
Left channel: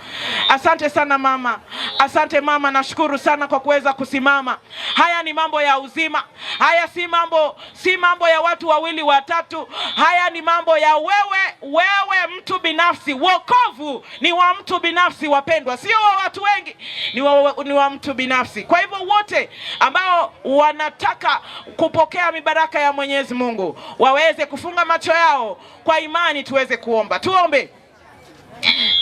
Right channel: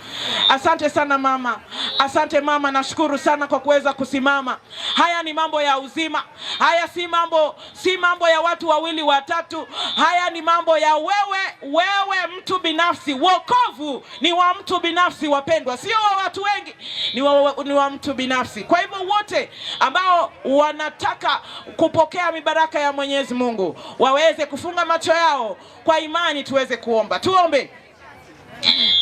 Asante sana mama. Asante mama, nashukuru sana kwa kuweza kusimama. Haya ni mambo ya uzima. Haya si mambo ya watu wawili watatu. Haya ni mambo ya wewe mtu binafsi. Wokovu ni wa mtu binafsi, wapendwa, sio watu wengi, ni wa mtu binafsi. Kwa hivyo wote ambao wanataka kupokea mibaraka ya Mwenyezi Mungu waweze kufunga macho yao kwa imani, tuweze kuomba. Tuombe.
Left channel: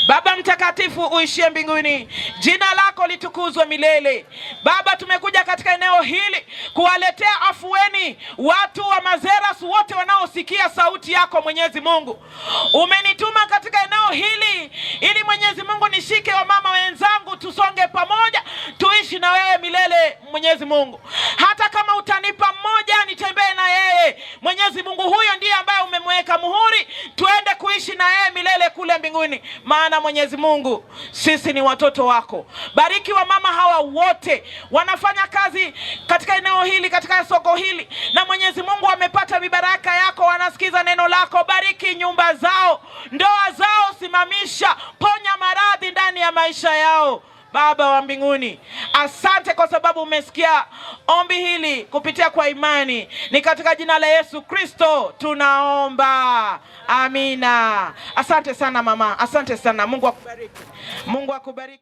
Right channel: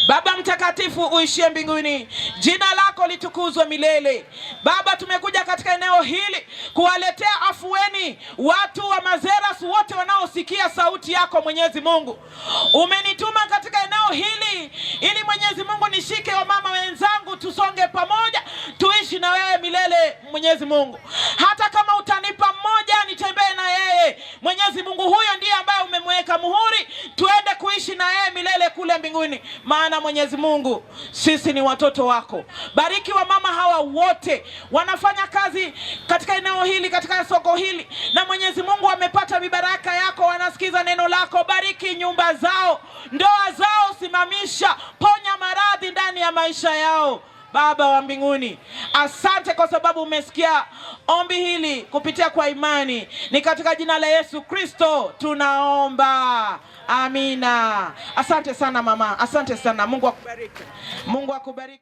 Baba mtakatifu uishie mbinguni, jina lako litukuzwe milele. Baba, tumekuja katika eneo hili kuwaletea afueni watu wa Mazeras wote wanaosikia sauti yako. Mwenyezi Mungu, umenituma katika eneo hili ili Mwenyezi Mungu nishike wamama wenzangu, tusonge pamoja, tuishi na wewe milele. Mwenyezi Mungu, hata kama utanipa mmoja nitembee na yeye, Mwenyezi Mungu, huyo ndiye ambaye umemweka muhuri, tuende kuishi na yeye milele kule mbinguni. Maana Mwenyezi Mungu, sisi ni watoto wako. Bariki wamama hawa wote wanafanya kazi katika eneo hili, katika soko hili, na Mwenyezi Mungu wamepata mibaraka yako, wanasikiza neno lako. Bariki nyumba zao, ndoa zao simamisha, ponya maradhi ndani ya maisha yao. Baba wa mbinguni, asante kwa sababu umesikia ombi hili kupitia kwa imani. Ni katika jina la Yesu Kristo tunaomba. Amina. Asante sana mama. Asante sana. Mungu akubariki. Mungu akubariki.